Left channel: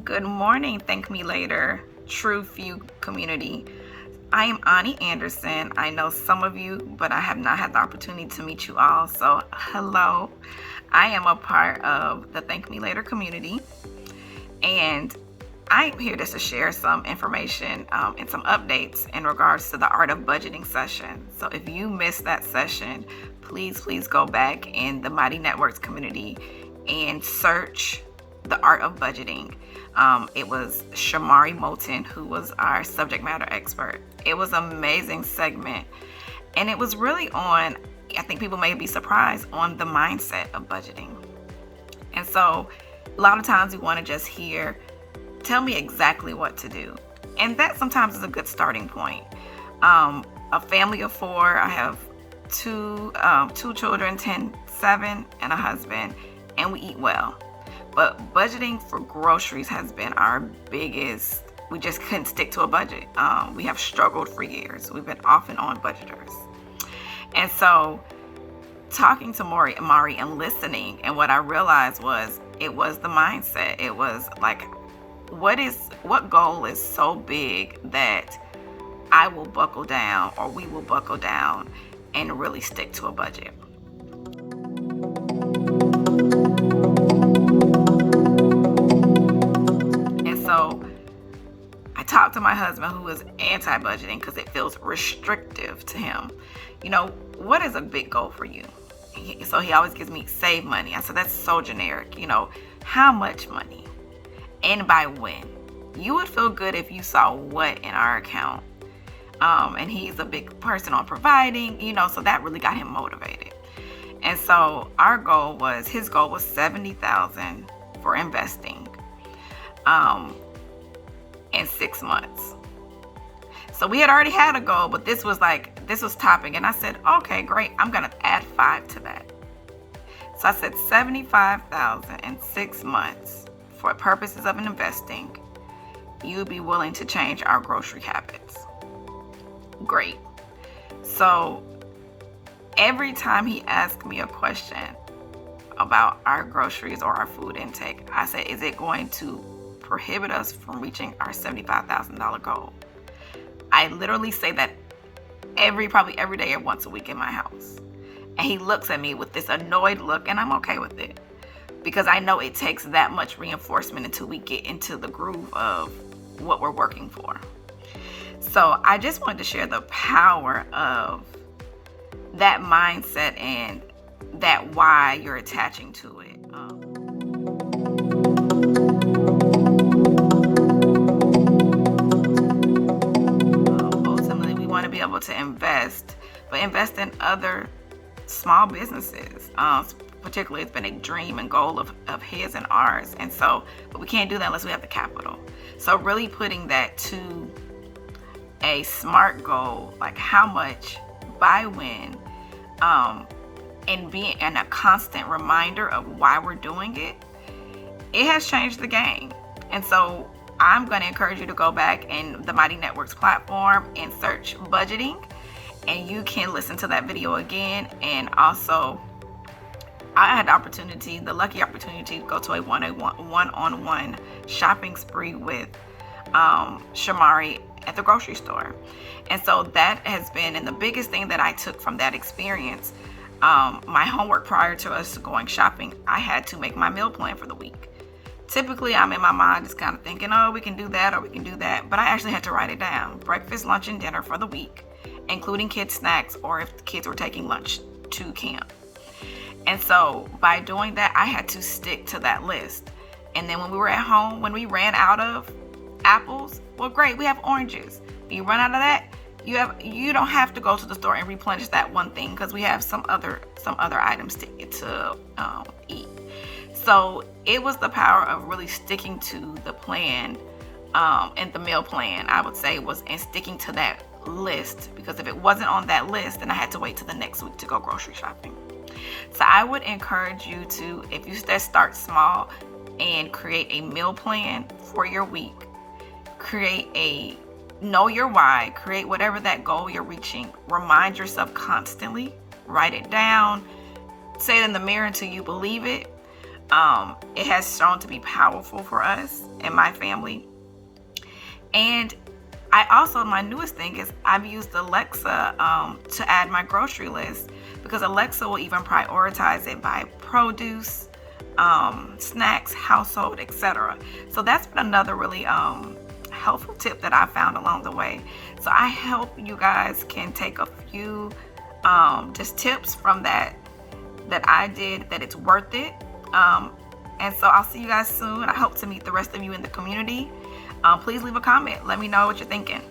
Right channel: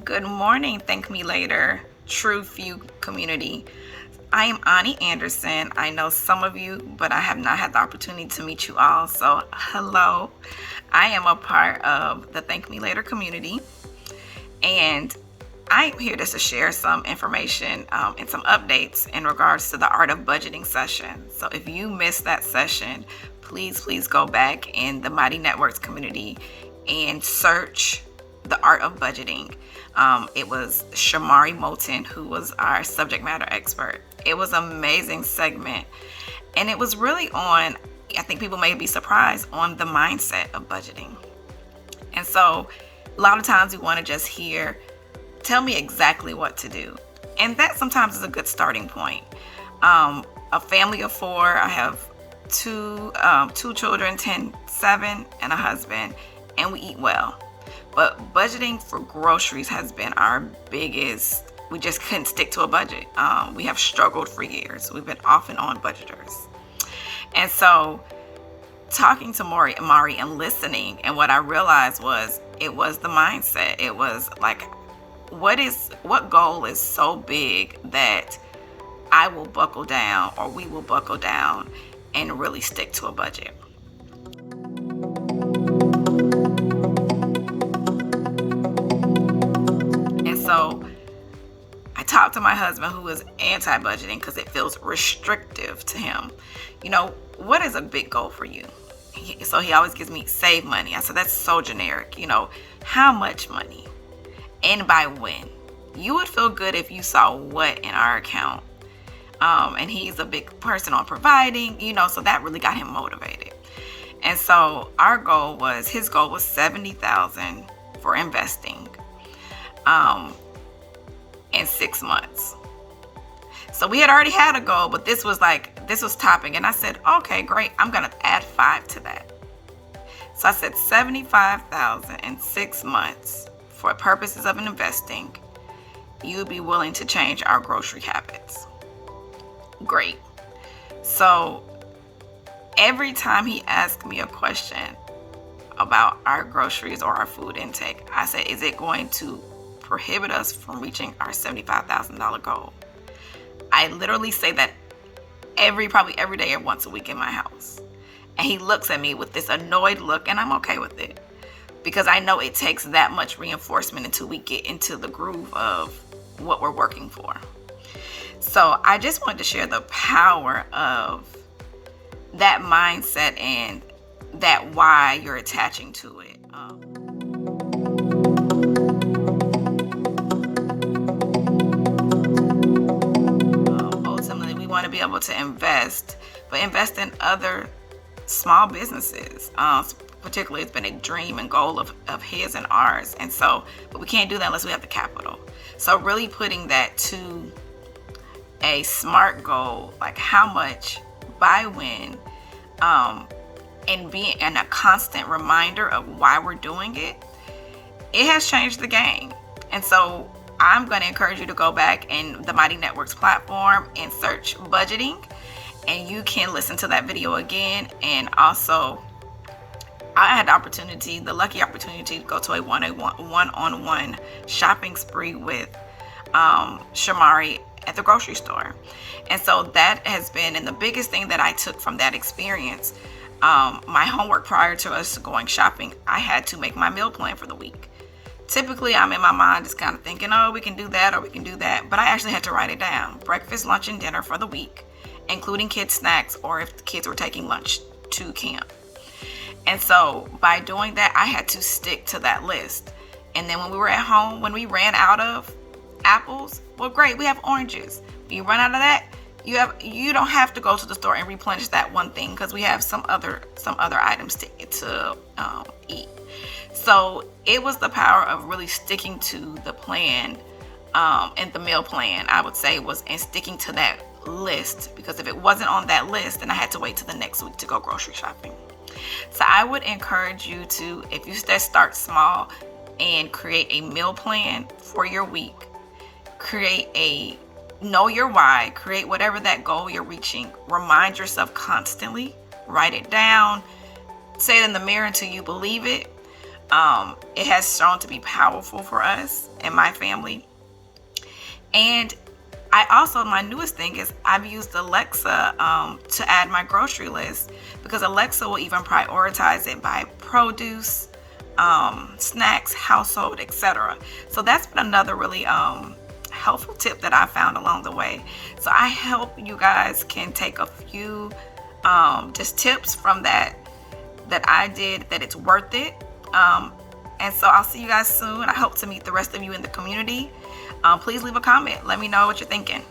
Good morning, Thank Me Later, True Few community. I am Ani Anderson. I know some of you, but I have not had the opportunity to meet you all. So, hello. I am a part of the Thank Me Later community, and I'm here just to share some information and some updates in regards to the Art of Budgeting session. So, if you missed that session, please go back in the Mighty Networks community and search the Art of Budgeting. It was Shamauree Moto who was our subject matter expert. It was an amazing segment, and it was really on, I think people may be surprised, on the mindset of budgeting. And so a lot of times we want to just hear, tell me exactly what to do. And that sometimes is a good starting point. A family of four, I have two children, 10, 7, and a husband, and we eat well. But budgeting for groceries has been our biggest. We just couldn't stick to a budget. We have struggled for years. We've been off and on budgeters. And so talking to Mari and listening, and what I realized was it was the mindset. It was like, what goal is so big that I will buckle down, or we will buckle down and really stick to a budget. So I talked to my husband, who is anti-budgeting because it feels restrictive to him. What is a big goal for you? So he always gives me save money. I said, that's so generic. How much money and by when? You would feel good if you saw what in our account. And he's a big person on providing, so that really got him motivated. And so his goal was $70,000 for investing. In 6 months. So we had already had a goal, but this was topping. And I said, okay, great. I'm going to add 5 to that. So I said $75,000 in 6 months for purposes of investing. You'd be willing to change our grocery habits. Great. So every time he asked me a question about our groceries or our food intake, I said, is it going to prohibit us from reaching our $75,000 goal? I literally say that probably every day or once a week in my house. And he looks at me with this annoyed look, and I'm okay with it because I know it takes that much reinforcement until we get into the groove of what we're working for. So I just wanted to share the power of that mindset and that why you're attaching to it. Ultimately, we want to be able to invest, but invest in other small businesses. Particularly, it's been a dream and goal of his and ours. And so, but we can't do that unless we have the capital. So really putting that to a SMART goal, like how much, by when, and being a constant reminder of why we're doing it, it has changed the game. And so I'm going to encourage you to go back in the Mighty Networks platform and search budgeting, and you can listen to that video again. And also, I had the lucky opportunity to go to a one-on-one shopping spree with Shamauree at the grocery store. And so that has been, and the biggest thing that I took from that experience, my homework prior to us going shopping, I had to make my meal plan for the week. Typically, I'm in my mind just kind of thinking, oh, we can do that or we can do that. But I actually had to write it down. Breakfast, lunch, and dinner for the week, including kids' snacks or if the kids were taking lunch to camp. And so by doing that, I had to stick to that list. And then when we were at home, when we ran out of apples, well, great, we have oranges. If you run out of that, you don't have to go to the store and replenish that one thing because we have some other items to eat. So it was the power of really sticking to the plan, and the meal plan, I would say, was in sticking to that list, because if it wasn't on that list, then I had to wait till the next week to go grocery shopping. So I would encourage you to, if you start small and create a meal plan for your week, know your why, create whatever that goal you're reaching, remind yourself constantly, write it down, say it in the mirror until you believe it. It has shown to be powerful for us and my family. And I also, my newest thing is I've used Alexa to add my grocery list, because Alexa will even prioritize it by produce, snacks, household, etc. So that's been another really helpful tip that I found along the way. So I hope you guys can take a few just tips from that I did, that it's worth it. And so I'll see you guys soon. I hope to meet the rest of you in the community. Please leave a comment. Let me know what you're thinking.